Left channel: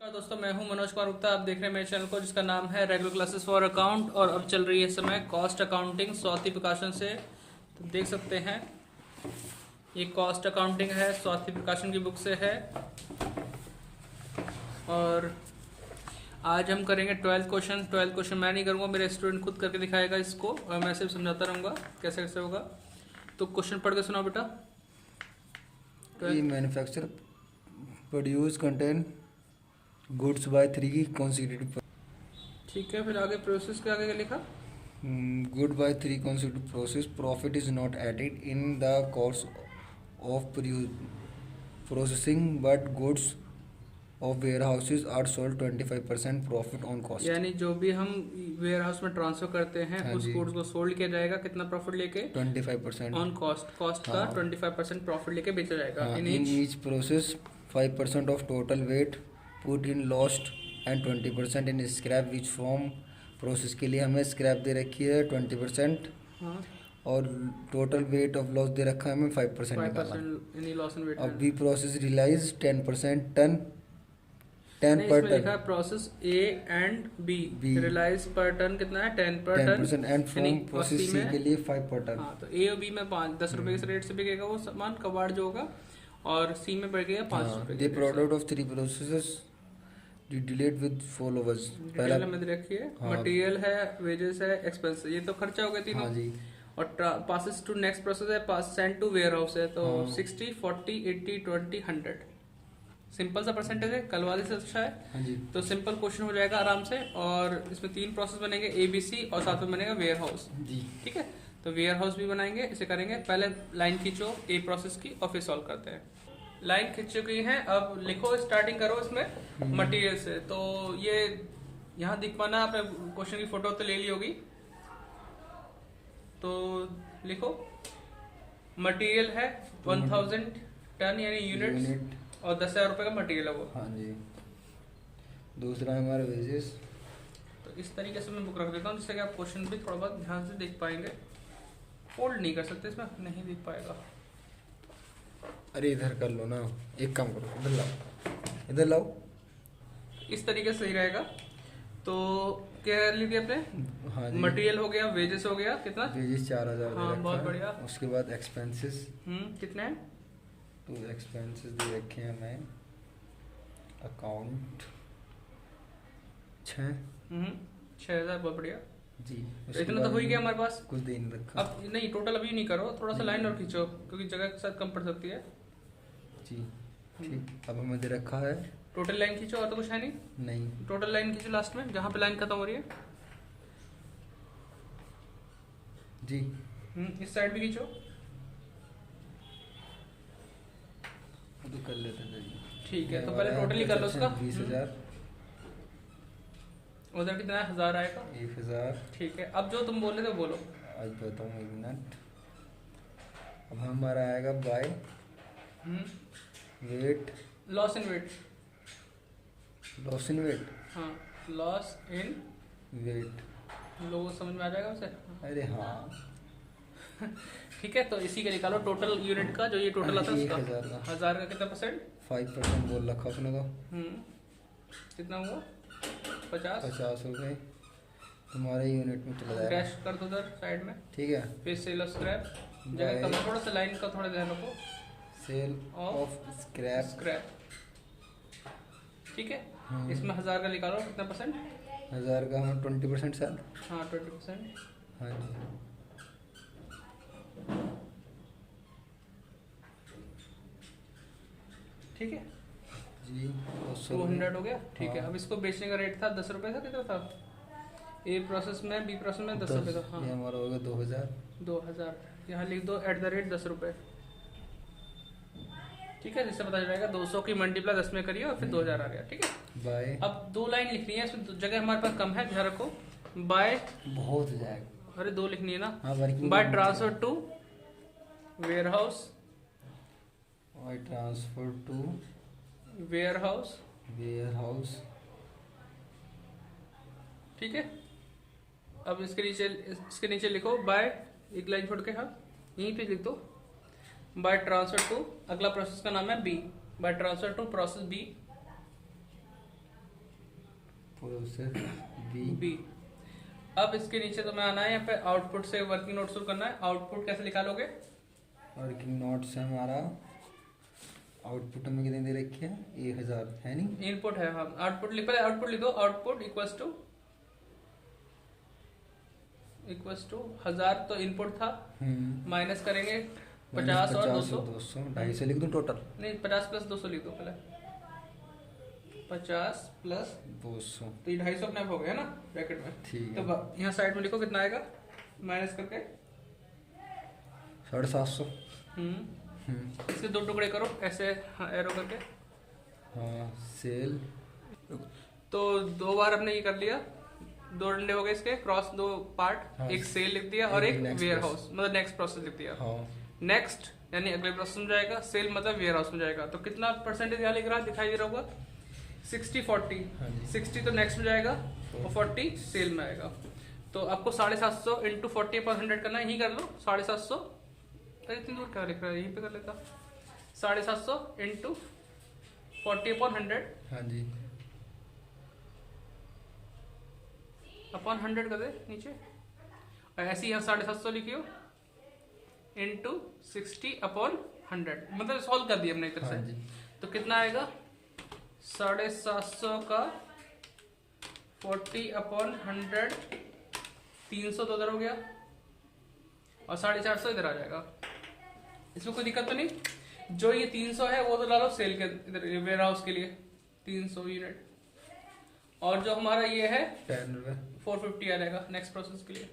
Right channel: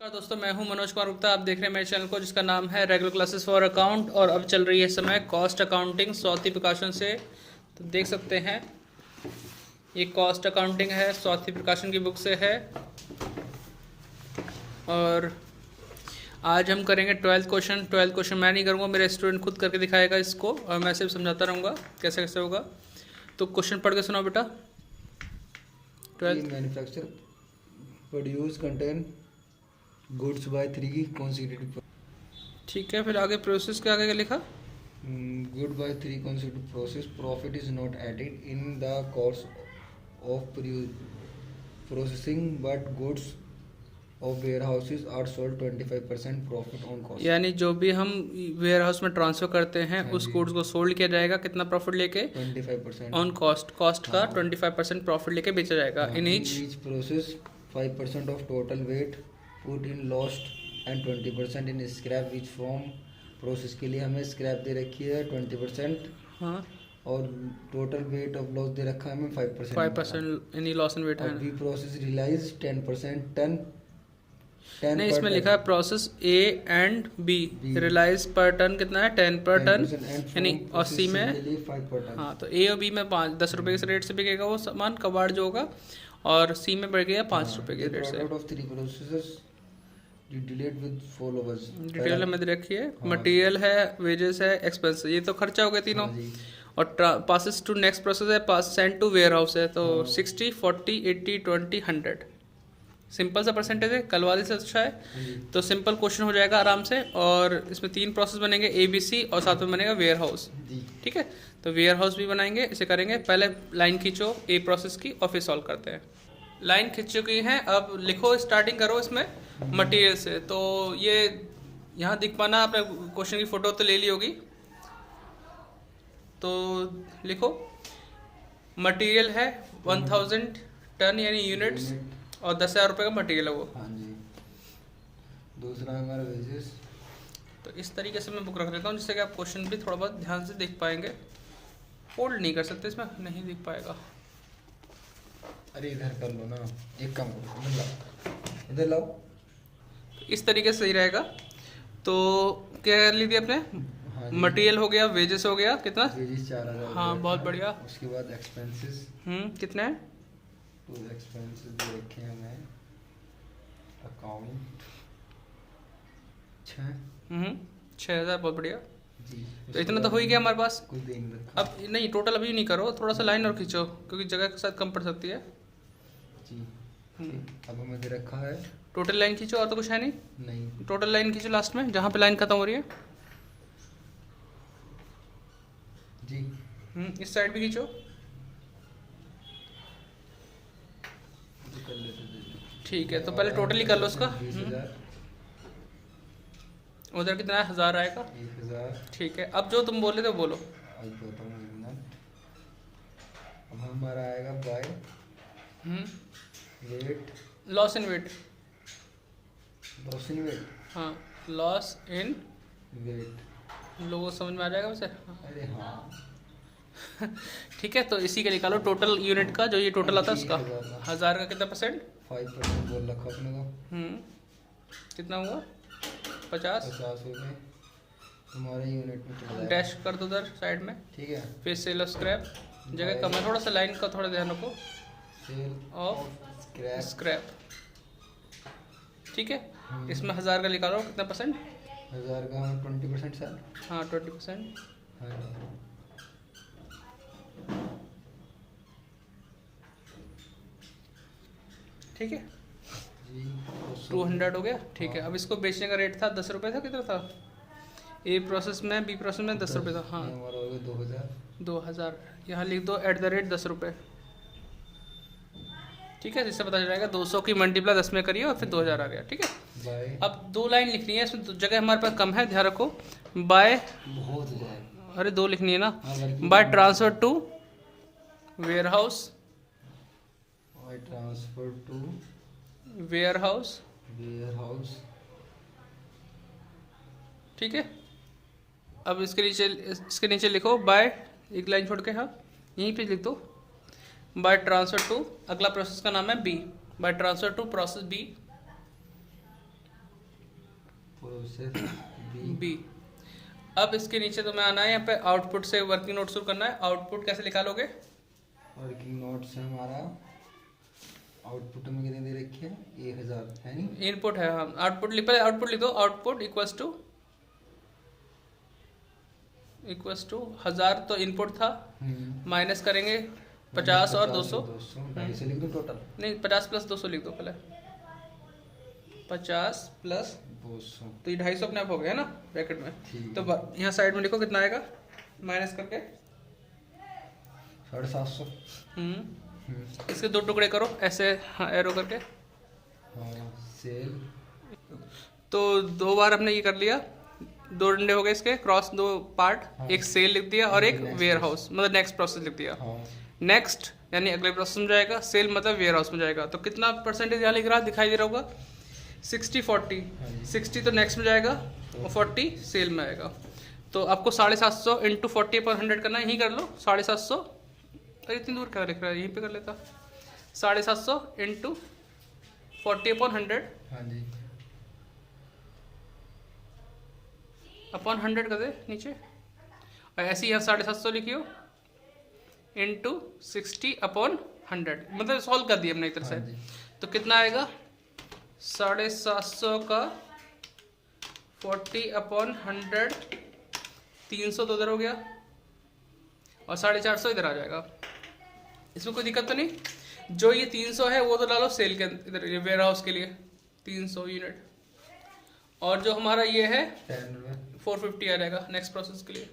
नमस्कार दोस्तों, मैं हूं मनोज कुमार गुप्ता। आप देख रहे हैं मेरे चैनल को जिसका नाम है रेगुलर क्लासेस फॉर अकाउंट। और अब चल रही है समय कॉस्ट अकाउंटिंग स्वाति प्रकाशन से। तो देख सकते हैं ये कॉस्ट अकाउंटिंग है, स्वाति प्रकाशन की बुक से है। और आज हम करेंगे 12th क्वेश्चन। 12th क्वेश्चन मैं नहीं करूँगा, मेरे स्टूडेंट खुद करके दिखाएगा इसको और मैं सिर्फ समझाता रहूँगा कैसे कैसे होगा। तो क्वेश्चन पढ़ के सुनाओ बेटा। Manufacture produce contain goods by 3 consecutive। ठीक है, फिर आगे प्रोसेस के आगे क्या लिखा? Good by 3 consecutive process। Profit is not added in the course of processing but goods of warehouses are sold 25% profit on cost. यानी जो भी हम वेयर हाउस में ट्रांसफर करते हैं उस गुड्स को सोल्ड किया जाएगा कितना प्रॉफिट लेके? 25% ऑन कॉस्ट। कॉस्ट का 25% प्रॉफिट लेके बेचा जाएगा। In each process 5% of total weight put in lost and 20% in scrap which from process के लिए हमें स्क्रैप दे रखी है 20%। हाँ, और टोटल वेट ऑफ लॉस दे रखा है हमें 5%। 5% एनी लॉस इन वेट है। B process realize 10% ton. नहीं, इसमें लिखा है process A and B realize पर टन कितना है? 10 पर टन। यानी 80 में 5 पर टन। हाँ, तो ए और बी में 10 रुपए के रेट से बिकेगा वो सामान कबाड़ जो होगा, और सी में बढ़ गया 5 रुपए के रेट से। Product of 3 processes dealt with followers. Detail में दे रखी है। मटेरियल है, वेजेस है, एक्सपेंस, ये तो खर्चा हो गया तीनों। और पासेस टू नेक्स्ट प्रोसेस है, पास सेंड टू वेयर हाउस है। तो 60 40 80 20 100 सिंपल सा परसेंटेज है, कल वाले से अच्छा है। तो सिंपल क्वेश्चन हो जाएगा आराम से। और इसमें 3 प्रोसेस बनेंगे, ABC, और साथ में बनेगा वेयर हाउस। ठीक है, तो वेयर हाउस भी बनाएंगे, इसे करेंगे। पहले लाइन खींचो ए प्रोसेस की और फिर सॉल्व करते हैं। लाइन खींच चुकी है, अब लिखो, स्टार्टिंग करो इसमें मटेरियल से। तो ये यहाँ दिख पाना, आपने क्वेश्चन की फोटो तो ले ली होगी। तो लिखो मटेरियल है 1000 टन यानी यूनिट्स, और 10,000 रुपये का मटेरियल है वो। हाँ जी। दूसरा है हमारा वेजेस। तो इस तरीके से मैं बुक रख देता हूँ जिससे कि आप क्वेश्चन भी थोड़ा बहुत ध्यान से देख पाएंगे। फोल्ड नहीं कर सकते, इसमें नहीं दिख पाएगा। अरे इधर कर लो ना, एक काम करो, इधर लाओ, इधर लाओ। इस तरीके से सही रहेगा। तो क्या कर लीजिए आपने? हाँ, मटेरियल हो गया, वेजेस हो गया, कितना? वेजेस 4000। हाँ, बहुत बढ़िया। उसके बाद एक्सपेंसेस कितने हैं? तो एक्सपेंसेस दे रखे हैं हमें अकाउंट 6000, बहुत बढ़िया जी। तो इतना तो हो ही गया हमारे पास। कुछ दे नहीं रखा। अब नहीं, टोटल अभी नहीं करो, थोड़ा सा लाइन और खींचो क्योंकि जगह के साथ कम पड़ सकती है जी। ठीक, अब हमें दे रखा है टोटल लाइन खींचो, और तो कुछ है नहीं। नहीं, टोटल लाइन खींचो लास्ट में जहाँ पे लाइन खत्म हो रही है जी। इस साइड भी खींचो। कर लेते हैं जल्दी। ठीक है, तो पहले टोटल ही कर लो उसका। 20,000। उधर कितना है? 1000 आएगा। 1,000। ठीक है, अब जो तुम बोले थे बोलो। आज बताऊँ, 1 मिनट। अब हमारा आएगा by weight, loss in weight. Loss in weight. हाँ, लॉस इन वेट। लोगों को समझ में आ जाएगा वैसे। अरे हाँ। ठीक है, तो इसी का निकालो टोटल यूनिट का, जो ये टोटल आता है उसका। 1000 का कितना परसेंट? 5% बोल रखा अपने को। कितना हुआ? 50 हो गए तुम्हारे यूनिट में। तो डैश कर दो उधर साइड में। ठीक है, फिर सेल ऑफ स्क्रैप, जगह कम है, थोड़ा सा लाइन का थोड़ा ध्यान रखो। Sale of scrap. ठीक है, इसमें 1000 का निकालो, कितना परसेंट? 1000 का हाँ 20% सर। हाँ, 20%। हाँ जी। ठीक है जी, 200 हो गया। ठीक है, अब इसको बेचने का रेट था 10 रुपये था, कितना था? ए प्रोसेस में, बी प्रोसेस में 10 रुपये था। हाँ, हमारा हो गया 2000। 2000 यहाँ लिख दो @ 10 रुपये। ठीक है, जिससे पता चल जाएगा 200 की मल्टीप्लाई 10 में करिए और फिर 2000 आ गया। ठीक है, बाय। अब 2 लाइन लिखनी है, इसमें जगह हमारे पास कम है, ध्यान रखो। बाय बहुत हो जाएगा। अरे 2 लिखनी है ना। हाँ, by transfer to warehouse. By transfer to warehouse. Warehouse. ठीक है, अब इसके नीचे लिखो बाय, एक लाइन छोड़ के। हाँ, यहीं पे लिख दो बाय ट्रांसफर टू, अगला प्रोसेस का नाम है B, by transfer to process B. Process B. अब इसके नीचे तुम्हें आना है यहाँ पे आउटपुट से वर्किंग नोट शुरू करना है। आउटपुट कैसे निकालोगे? वर्किंग नोट से हमारा आउटपुट में कितने दे रखे हैं? 1000 है नहीं? इनपुट है, हाँ। आउटपुट लिख, पहले आउटपुट लिख दो। आउटपुट इक्वल्स टू 1000 तो इनपुट था, माइनस करेंगे 50 और 200। 200 लिख दूं टोटल? नहीं, 50 प्लस 200 लिख दो पहले। 50 प्लस 200 तो ये 250 अपने आप हो गया ना ब्रैकेट में। ठीक तो है। यहाँ साइड में लिखो कितना आएगा माइनस करके। 750। इसके दो टुकड़े करो ऐसे, हाँ, एरो करके। हाँ, सेल। तो 2 बार हमने ये कर लिया, 2 डंडे हो गए इसके क्रॉस, 2 पार्ट। हाँ। एक सेल लिख दिया और एक Next वेयर हाउस, मतलब नेक्स्ट प्रोसेस लिख दिया। हाँ। नेक्स्ट यानी अगले प्रोसेस में जाएगा, सेल मतलब वेयर हाउस में जाएगा। तो कितना परसेंटेज यहाँ लिख रहा दिखाई दे रहा होगा? 60-40। हाँ जी। 60 तो नेक्स्ट में जाएगा और 40 सेल में आएगा। तो आपको 750 इंटू 40/100 करना है। यही कर लो 750। अरे इतनी दूर क्या लिख रहा है, यहीं पे कर लेता। 750 इंटू 40/100 हाँ जी। अपॉन 100 कर दे नीचे। और ऐसे ही यहाँ 750 लिखियो इंटू 60/100, मतलब सॉल्व कर दिया हमने एक तरह हाँ से। जी। तो कितना आएगा? 750 का 40/100, 300 तो उधर हो गया और 450 इधर आ जाएगा। इसमें कोई दिक्कत तो नहीं। जो ये 300 है वो तो डालो सेल के इधर, वेयर हाउस के लिए 300 यूनिट। और जो हमारा ये है 450 आ जाएगा नेक्स्ट प्रोसेस के लिए।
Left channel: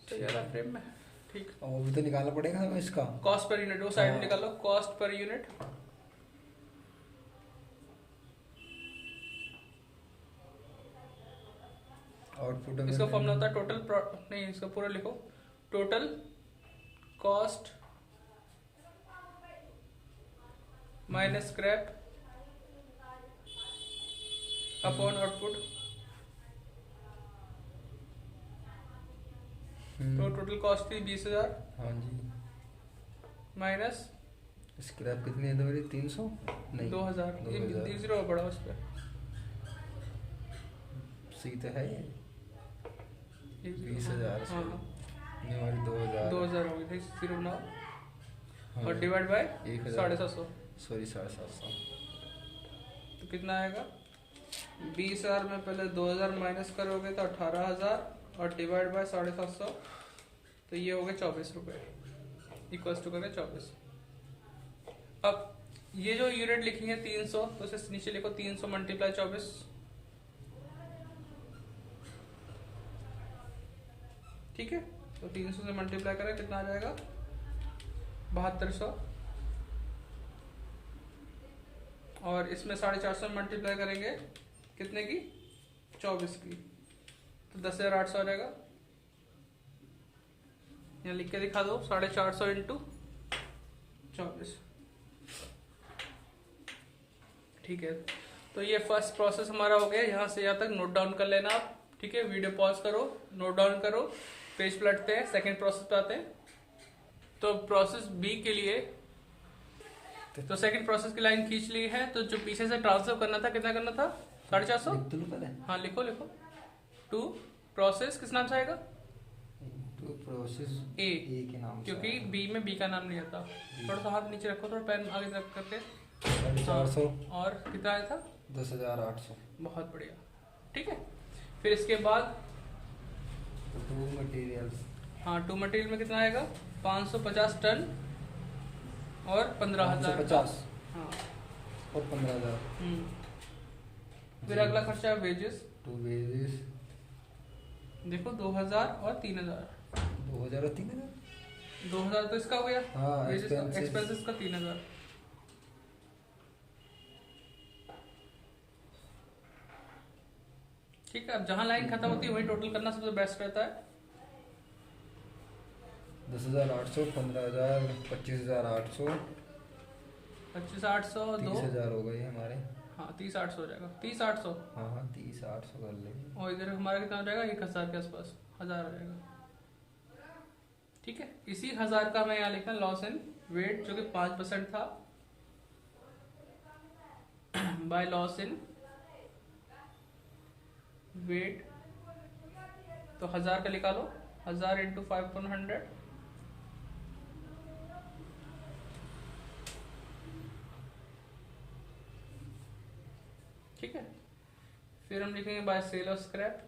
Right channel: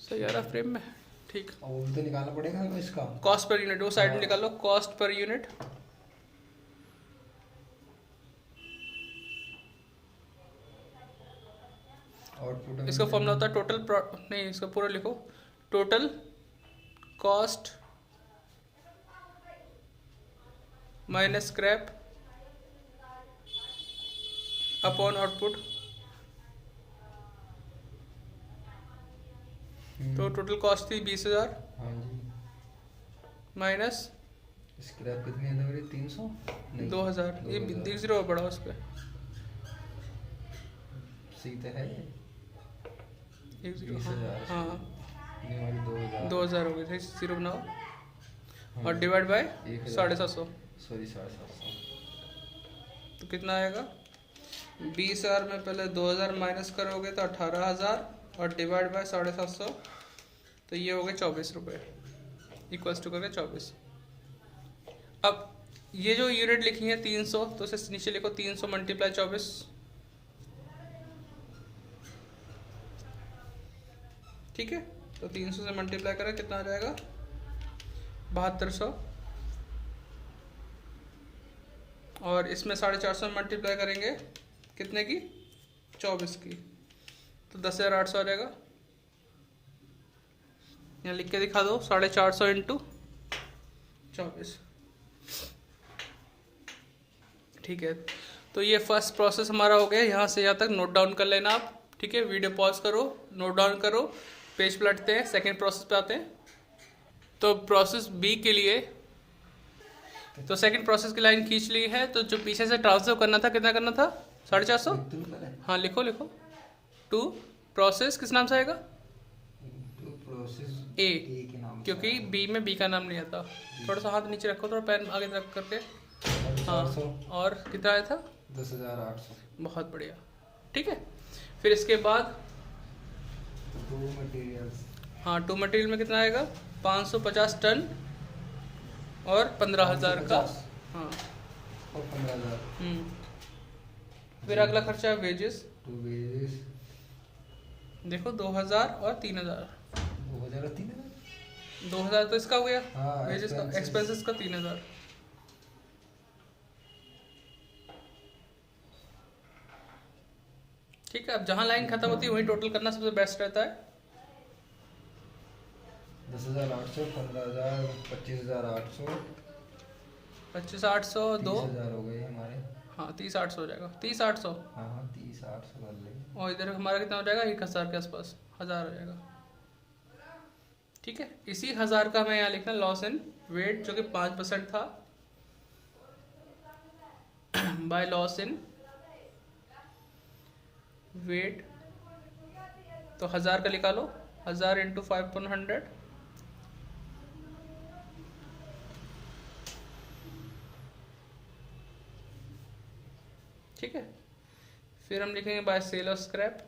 सही आ रहा फ्रेम में? ठीक। और वो भी तो निकालना पड़ेगा हमें इसका कॉस्ट पर यूनिट, वो साइड में निकालो, कॉस्ट पर यूनिट। आउटपुट। इसका फॉर्मूला होता है टोटल नहीं, इसका पूरा लिखो। Total cost minus scrap upon output. तो टोटल कॉस्ट थी 20,000 हाँ जी। माइनस स्क्रैप कितनी है मेरी? 300 नहीं 2000। ये 0 बड़ा उस पर सीधा है ये 20,000। हाँ, नहीं हमारी 2000 2000 हो गए थे, 0 बनाओ हाँ। और डिवाइड बाय 750 750। सॉरी 750। तो कितना आएगा? 20,000 में पहले 2000 माइनस करोगे तो 18,000 और डिवाइड बाय 750, तो ये हो गए 24 रुपये इक्वल्स टू करके 24। अब ये जो यूनिट लिखी है 300, तो इसे नीचे लिखो 300 मल्टीप्लाई 24। ठीक है, तो 300 से मल्टीप्लाई करा कितना आ जाएगा? 7200। और इसमें 450 मल्टीप्लाई करेंगे कितने की? 24 की, तो 10,800 आ जाएगा। यहाँ लिख के दिखा दो 450 इंटू 24। ठीक है, तो ये फर्स्ट प्रोसेस हमारा हो गया। यहाँ से यहाँ तक नोट डाउन कर लेना आप। ठीक है, वीडियो पॉज करो, नोट डाउन करो, पेज पलटते हैं, सेकेंड प्रोसेस पे आते हैं। तो प्रोसेस बी के लिए, तो सेकंड प्रोसेस की लाइन खींच ली है। तो जो पीछे से ट्रांसफर करना था, कितना करना था? 450। हाँ लिखो लिखो। टू प्रोसेस किस नाम से आएगा? प्रोसेस ए के नाम, क्योंकि बी में बी का नाम नहीं आता। थोड़ा सा हाथ नीचे रखो, थोड़ा पैन आगे रख करके। 450 और कितना आया था? 10,800। बहुत बढ़िया। ठीक है, फिर इसके बाद टू मटेरियल्स। हाँ, टू मटेरियल में कितना आएगा? 550 टन और 15,000 का। 550 हाँ, और 15,000। फिर अगला खर्चा है वेजेस। टू वेजेस देखो 2000 और 3000। 2000 और 3000। 2000 तो इसका हो गया, हाँ, वेजेस का, expenses। एक्सपेंसेस का 3000। ठीक है, अब जहां लाइन खत्म होती है वहीं टोटल करना सबसे बेस्ट रहता है। 10,800, 15,000, 25,800, 25,800 2। 30,000 हो गए हमारे। हाँ, 30,800 हो जाएगा। 30,800 हाँ हाँ 30,800 कर लेंगे। और इधर हमारा कितना हो जाएगा? 1,000 के आसपास, 1000 हो जाएगा। ठीक है, इसी 1000 का हमें यहाँ लिखना लॉस इन वेट, जो कि 5% था, बाय लॉस इन वेट, तो 1000 का निकालो, 1000 इंटू 5/100, ठीक है। फिर हम लिखेंगे बाय सेल ऑफ स्क्रैप,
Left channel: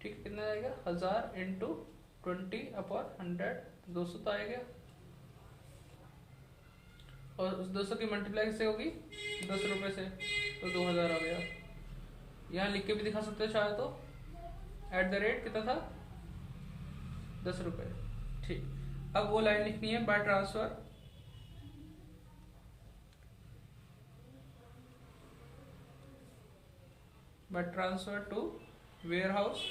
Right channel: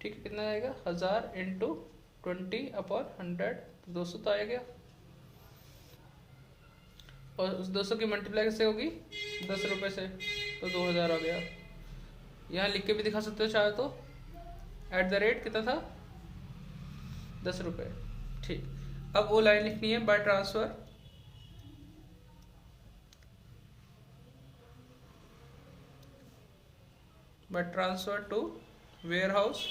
ठीक है। कितना आएगा, 1000 इंटू 20/100, 200 तो आएगा। और उस 200 की मल्टीप्लाई किससे होगी, 10 रुपये से, तो 2000 आ गया। यहाँ लिख के भी दिखा सकते हो चाहे तो, @ कितना था, 10 रुपये, ठीक। अब वो लाइन लिखनी है by transfer, by transfer to warehouse,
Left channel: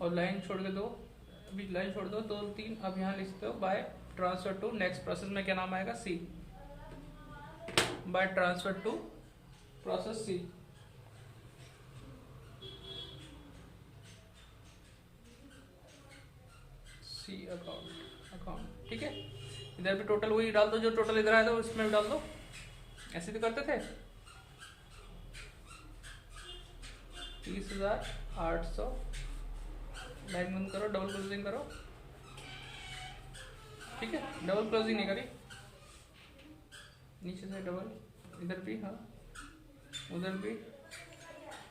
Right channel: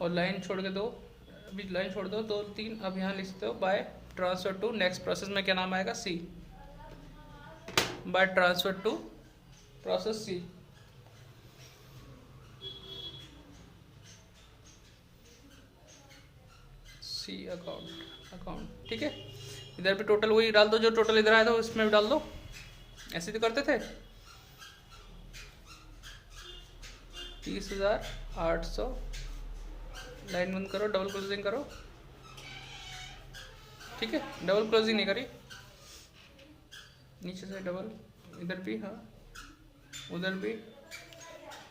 और लाइन छोड़ के दो, अभी लाइन छोड़ दो 2 3, अब यहाँ लिखते हो by transfer to next process में क्या नाम आएगा, C, by transfer to process C. C account, ठीक है। इधर भी टोटल वही डाल दो जो टोटल इधर आया था, इसमें भी डाल दो, ऐसे तो करते थे। 30,800, लाइन बंद करो, डबल क्लोजिंग करो, ठीक है। डबल क्लोजिंग नहीं करी, नीचे से डबल, इधर भी, हाँ उधर भी,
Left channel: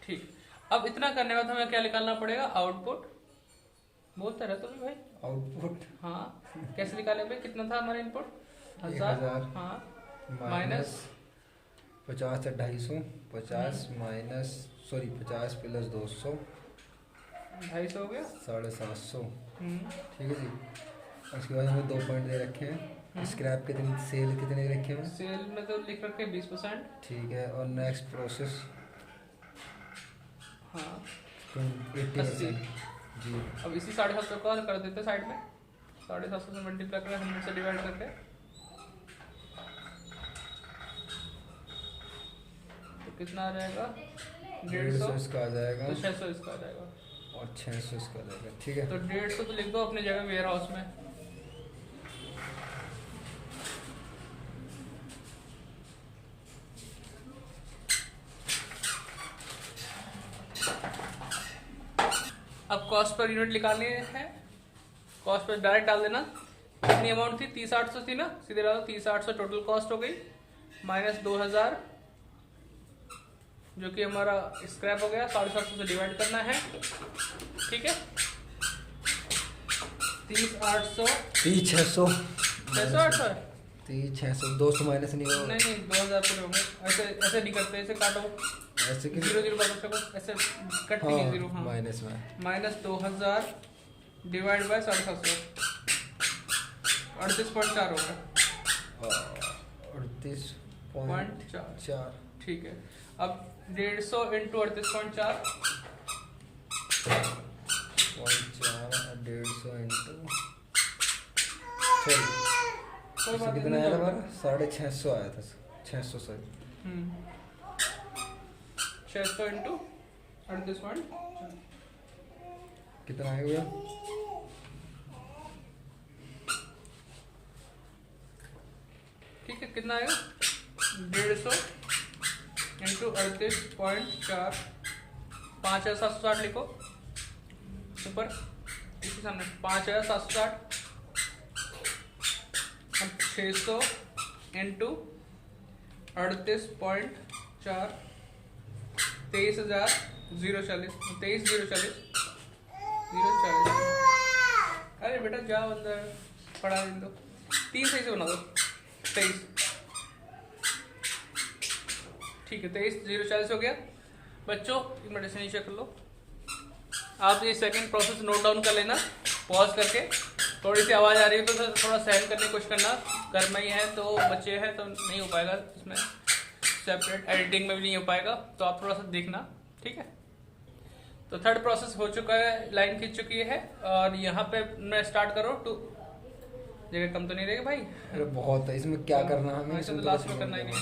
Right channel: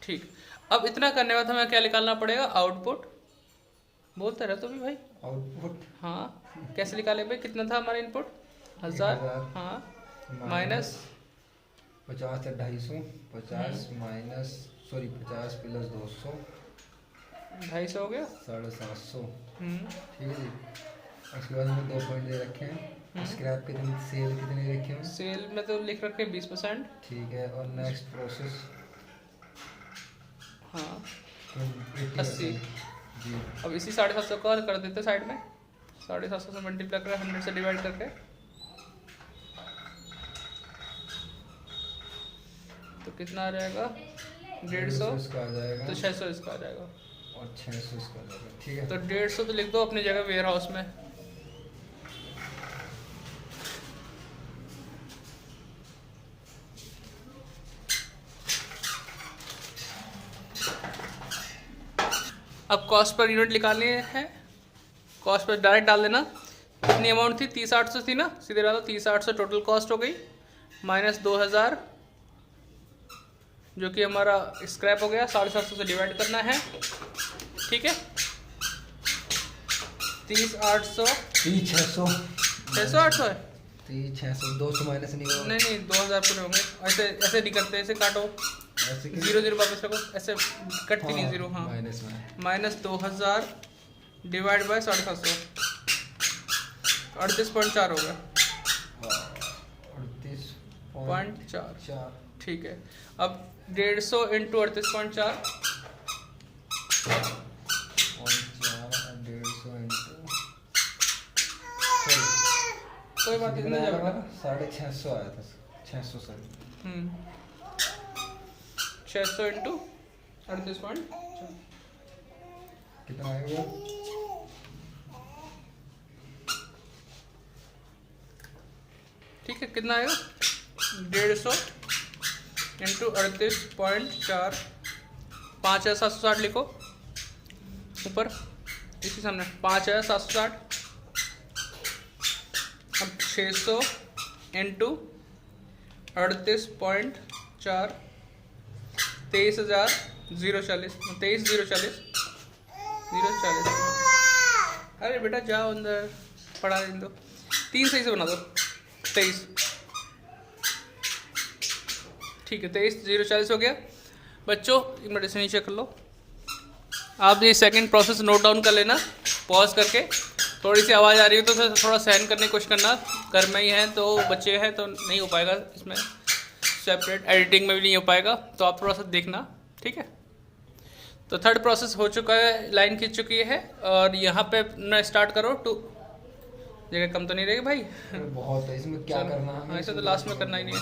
ठीक। अब इतना करने बाद हमें क्या निकालना पड़ेगा, आउटपुट। बोलते रहे तो भी भाई, आउटपुट, हाँ कैसे निकाले भाई, कितना था हमारा इनपुट, 1000, हाँ, माइनस 50 से 250, 50 माइनस, सॉरी 50 प्लस 200, 250 हो गया, 750, ठीक है जी। उसके बाद हमें 2 पॉइंट दे रखे हैं, स्क्रैप कितनी, सेल कितने रखे हैं, सेल में तो लिख रखे 20%, ठीक है। और नेक्स्ट प्रोसेस, हाँ 80 जी। अब इसी 750 को कर देते साइड में, 750 से मल्टीप्लाई कर 100 से डिवाइड करके, तो कितना आ जाएगा, 150, इसका आ जाएगा, तो 600 इसका आ जाएगा, और 600 इसका आ जाएगा, ठीक है। तो 150 तो लिख दो अपनी जगह वेयर हाउस में। अब कॉस्ट पर यूनिट निकालनी है, कॉस्ट पर डायरेक्ट डाल देना। कितनी अमाउंट थी, 30,800 थी ना, सीधे डालो 30,800 टोटल कॉस्ट हो गई, माइनस 2000 जो कि हमारा स्क्रैप हो गया, 750 से डिवाइड करना है, ठीक है। 30,800, 600, 600 है, 600, 200 माइनस नहीं होगा, नहीं 2000 पूरे होंगे, ऐसे ऐसे नहीं करते, ऐसे काटो, ऐसे 0 वापस रखो, ऐसे कट नहीं, 0, हाँ, माइनस में, माइनस 2000 डिवाइड बाय 750, 38.4 होगा, 38.4, ठीक है। अब 150 इंटू 38.4, 150 इंटू, कोई बात कितना आया नहीं, हमारा, 650 आया था, 600 सर, 600 इंटू 38.4, कितना आएगा, ठीक है। कितना आएगा, 150 इंटू 38.4, 5760 लिखो ऊपर, इसी सामने 5760। अब 600 इंटू 38.4, 23,040, 23,040, 040। अरे बेटा जाओ अंदर, पढ़ा दें दो, 3 सही से बना दो, 23, ठीक है। 23,040 हो गया। बच्चों एक मिनट से नीचे कर लो, आप ये सेकंड प्रोसेस नोट डाउन कर लेना, पॉज करके। थोड़ी सी आवाज़ आ रही है तो थोड़ा सहन करने की कोशिश करना, घर में ही है तो बच्चे हैं तो नहीं हो पाएगा, इसमें सेपरेट एडिटिंग में भी नहीं हो पाएगा, तो आप थोड़ा सा देखना, ठीक है। तो थर्ड प्रोसेस हो चुका है, लाइन खींच चुकी है, और यहाँ पे ना स्टार्ट करो, टू जगह कम तो नहीं रहेगी भाई, अरे बहुत है, इसमें क्या करना है, ऐसे तो लास्ट में करना ही नहीं है।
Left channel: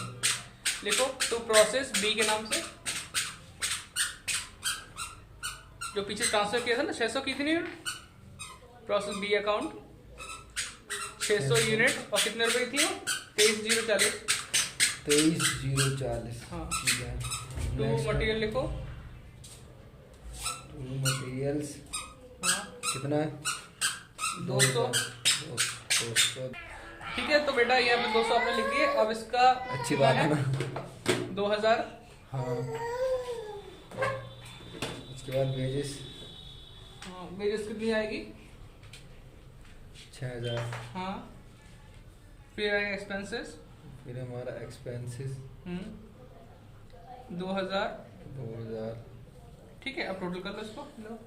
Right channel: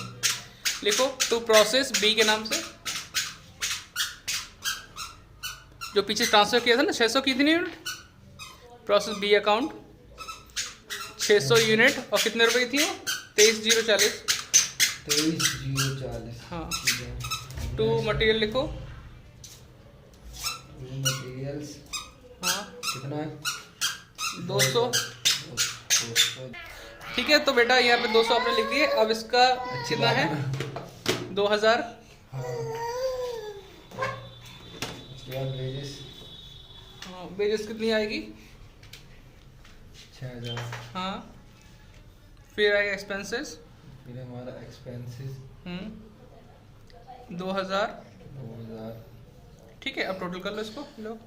लिखो टू प्रोसेस बी के नाम से, जो पीछे ट्रांसफर किया था ना, 600 की थी नहीं, प्रोसेस बी अकाउंट 600 यूनिट और कितने रुपए की थी वो? 23,040। 23,040। हाँ। ठीक है। टू मटेरियल लिखो। मटेरियल्स हाँ कितना है? 200। 200। ठीक है, तो बेटा यहाँ पे 200 आपने लिख दिए। अब इसका अच्छी कितना बात है? है। 2000। हाँ। उसके बाद वेजेस वेजेस कितनी आएगी? 6,000। हाँ। फिर आएगा एक्सपेंसेस। फिर हमारा एक्सपेंसेस 2000। 2,000। ठीक है, अब टोटल कर लो इसको। लो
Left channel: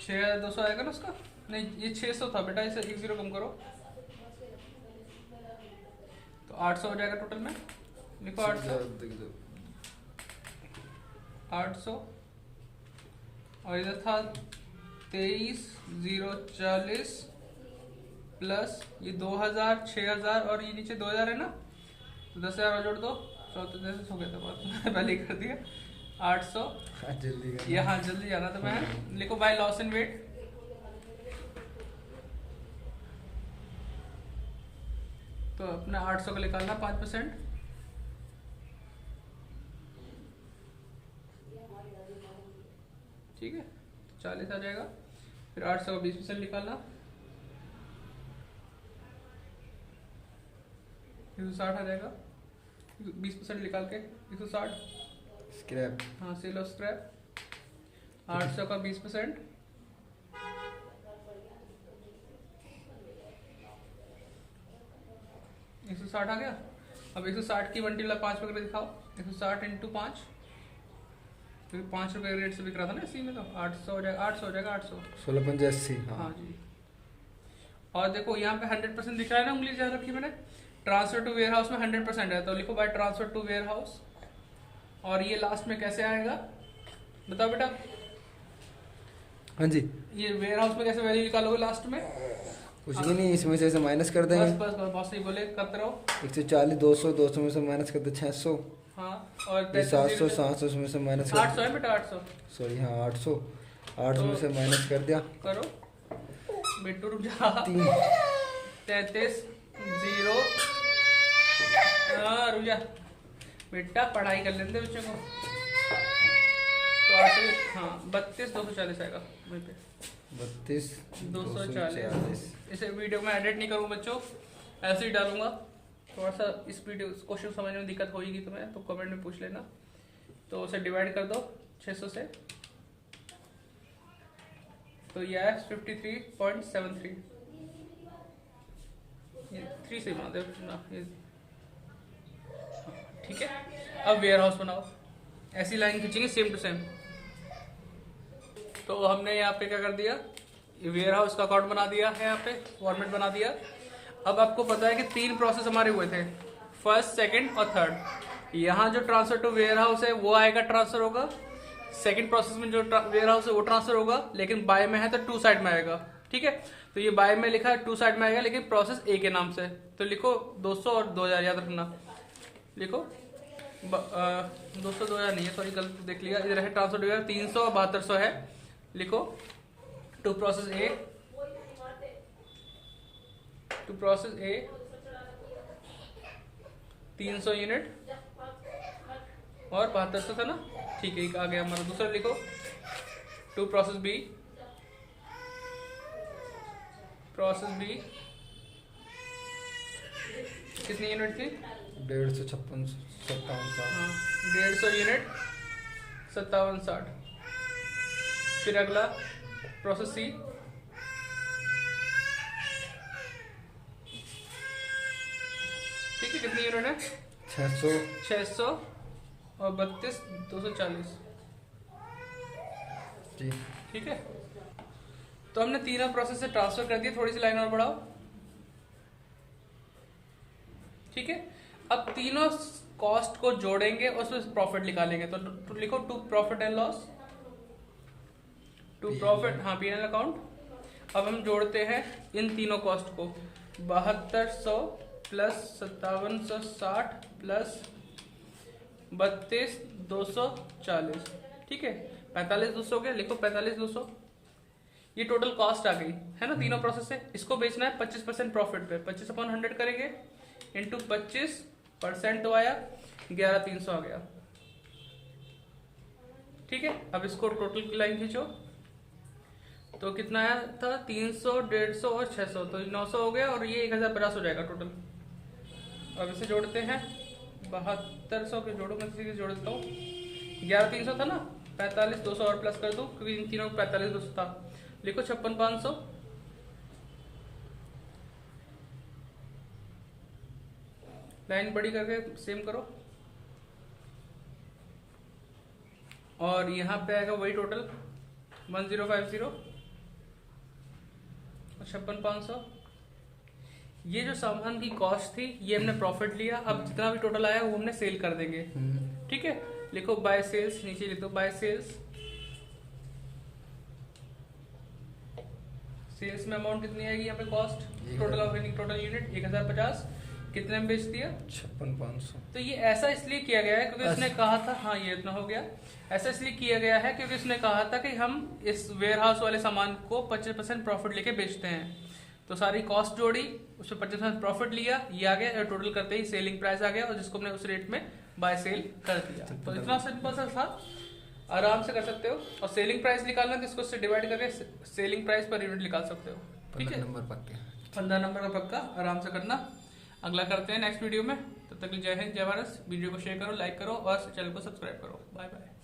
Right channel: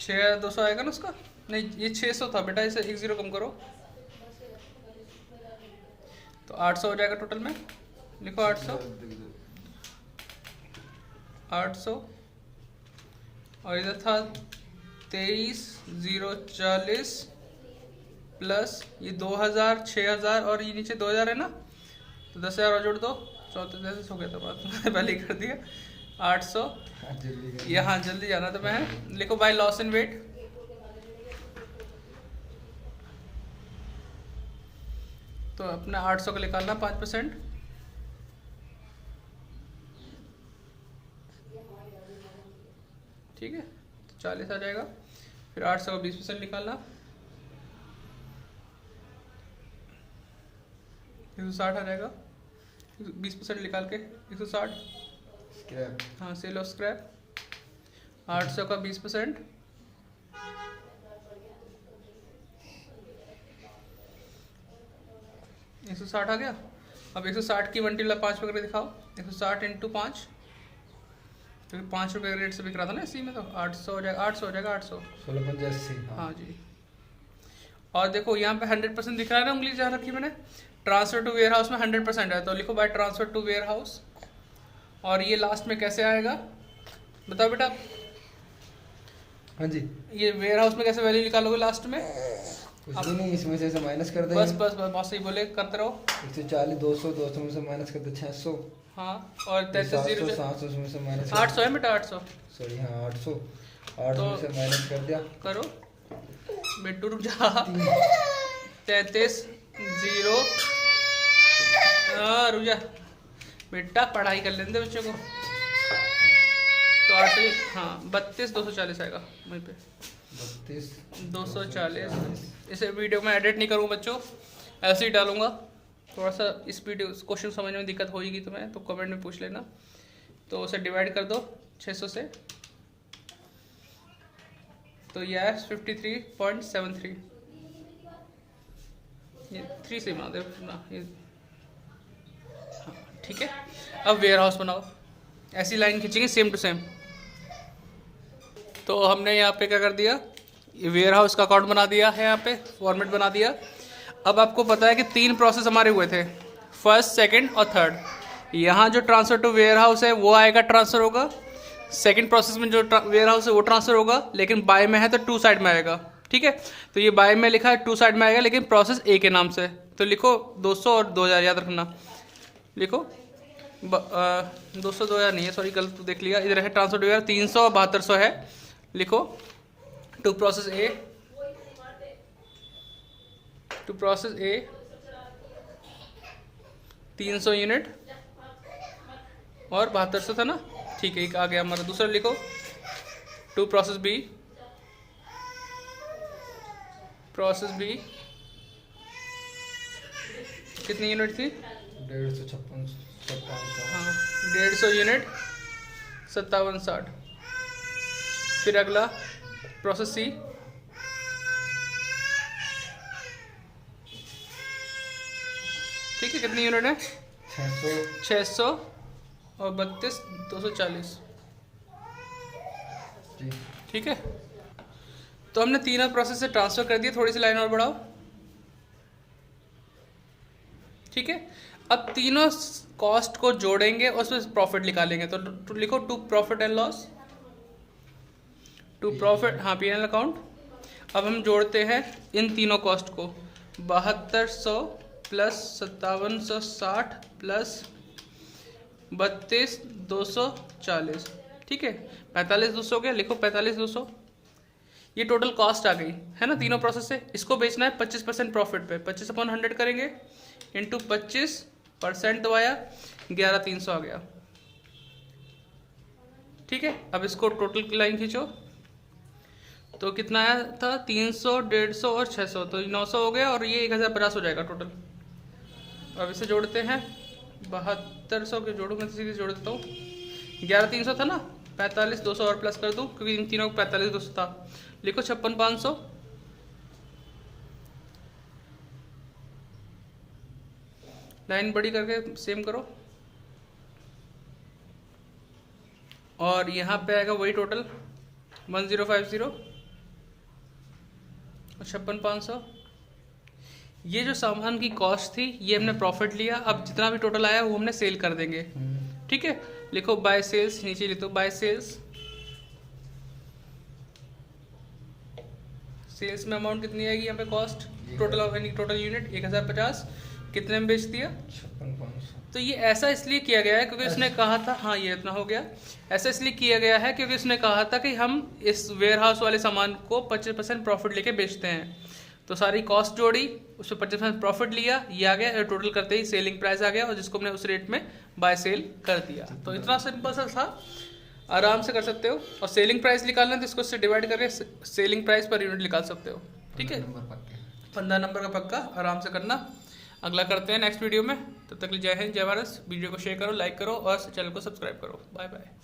6,200 आएगा ना उसका? नहीं, ये 600 था बेटा, इसे 1 0 कम करो तो 800 हो जाएगा टोटल में। लिखो 800। 800 और इधर था 23,040 प्लस ये 2,000, 6,000 और ये नीचे 2,000 है ना, तो 10,000 और जोड़ दो। 34 हो गया था बात, मैंने पहले ही कर दिया। 800। यहाँ जल्दी जाना तो मैं लिखो बाय लॉस इन वेट। तो अपना 800 का निकालना 5%। ठीक है, तो 40 आ जाएगा। फिर 800 का 20% निकालना 160 आ जाएगा। 20% निकाल के 160 स्क्रैप। हाँ, सेल ऑफ स्क्रैप। 800 का 20% 160 आ गया। अब 160 की 1/5 करके दिखाओ। 160 इंटू 5, क्योंकि 5 रुपये रेट से बिक रहा था ना इसी में, तो 800 हो जाएगा। 800 हो जाएगा। 800 16,85। हाँ जी। और देखो यहाँ पे 100% दिख रहा है ना, उंगली जहाँ रखी मैंने। ट्रांसफर टू वेयर हाउस में 100% है, तो लिखो by transfer to warehouse. और ये लास्ट में कैसे आएगा बताओ बेटा? हाँ जी। ये वेयर हाउस में कैसे वैल्यू निकालोगे लास्ट में? कुछ भी नहीं, इसमें से माइनस कर देंगे। बस बस बस बहुत सही बोले, करते रहो। 140, 200, 200 में से माइनस कर दे 600। हाँ, और 700, 700 में से माइनस 800 है बेटा, 800। सॉरी हाँ 800। 800 में से माइनस कर दिया। करो बेटू, रुक जा। 33 0। रुक जा बेटा, पढ़ाई कर लेते बच्चों को। तो 38, हाँ 32,240 आएगा वहीं पे। 32,240। इसे वीडियो में एडिट नहीं करूँगा बच्चों, ऐसे ही डालूंगा। थोड़ा सा इस वीडियो क्वेश्चन समझने में दिक्कत होगी तुम्हें तो कमेंट में पूछ लेना। तो उसे डिवाइड कर दो 600 से, तो यह है 53.73। ये 3 से मान दो ना ये। ठीक है, अब वेयर हाउस बनाओ। ऐसी लाइन खींचेंगे सेम टू सेम। तो हमने यहाँ पे क्या कर दिया, ये वेयर हाउस का अकाउंट बना दिया है, यहाँ पे फॉर्मेट बना दिया। अब आपको पता है कि 3 प्रोसेस हमारे हुए थे, फर्स्ट, सेकंड और थर्ड। यहाँ जो ट्रांसफर टू वेयर हाउस है वो आएगा, ट्रांसफर होगा। सेकंड प्रोसेस में जो वेयर हाउस है वो ट्रांसफर होगा, लेकिन बाय में है तो 2 साइड में आएगा। ठीक है, तो ये बाय में लिखा है 2 साइड में आएगा, लेकिन प्रोसेस ए के नाम से। तो लिखो 200 और 2,000 याद रखना। लिखो 200 2,000 नहीं है, सॉरी गलत देख लिया। इधर है ट्रांसफर टू वेयर 300 और 7200 है। लिखो to process A, to process A 300 unit और 7200 था ना। ठीक है, एक आ गया हमारा। दूसरा लिखो to process B, process B कितनी यूनिट थी? 150, 56, हाँ 150 यूनिट 5760। फिर अगला प्रोसेस सी, ठीक है, कितनी यूनिट है? 600 और 32,240। ठीक है, तो हमने तीनों प्रोसेस से ट्रांसफर कर दिया। थोड़ी सी लाइन और बढ़ाओ। ठीक है, अब तीनों कॉस्ट को जोड़ेंगे और उसमें प्रॉफिट निकालेंगे। तो लिखो to profit and loss, to profit, हाँ P&L अकाउंट। अब हम जोड़ते हैं इन तीनों कॉस्ट को, 7200 प्लस 5760 प्लस 32,240। ठीक है, 45,200 हो गया। लिखो 45,200। ये टोटल कॉस्ट आ गई है ना तीनों प्रोसेस से। इसको बेचना है 25% प्रॉफिट पे, 25/100 करेंगे इंटू 25% तो आया 11,300 आ गया। ठीक है, अब इसको टोटल की लाइन खींचो तो कितना आया था 300, 150 और 600, तो 900 हो गया और ये 1050 हो जाएगा टोटल। अब इसे जोड़ते हैं 7200 के जोड़ो, मैं सीधे जोड़ देता हूँ। 11,300 था ना, 45 200 और प्लस कर दूँ क्योंकि इन तीनों को 45 200 था। लिखो 56,500 लाइन बड़ी करके सेम करो और यहाँ पे आएगा वही टोटल 1050 और 56,500। ये जो सामान की कॉस्ट थी ये हमने प्रॉफिट लिया। अब जितना भी टोटल आया वो हमने सेल कर देंगे। ठीक है, लिखो बाय सेल्स, नीचे लिखो बाय सेल्स। सेल्स में अमाउंट कितनी आएगी यहाँ पे cost total of any total unit 1050, कितने में बेच दिया 56,500। तो ये ऐसा इसलिए किया गया है क्योंकि उसने कहा था, हाँ ये इतना हो गया। ऐसा इसलिए किया गया है क्योंकि उसने कहा था कि हम इस वेयर हाउस वाले सामान को 25% प्रॉफिट लेके बेचते हैं। तो सारी कॉस्ट जोड़ी, उस पर 25% प्रॉफिट लिया, ये आ गया, टोटल करते ही सेलिंग प्राइस आ गया और जिसको हमने उस रेट में बाय सेल कर दिया। तो इतना सिंपल सा था, आराम से कर सकते हो। और सेलिंग प्राइस निकालना है तो इसको इससे डिवाइड करके सेलिंग प्राइस पर यूनिट निकाल सकते हो। ठीक है, 15 नंबर का पक्का, आराम से करना। अगला करते हैं नेक्स्ट वीडियो में। तब तक जय हिंद, जय भारत। वीडियो को शेयर करो, लाइक करो और चैनल को सब्सक्राइब करो। Bye bye.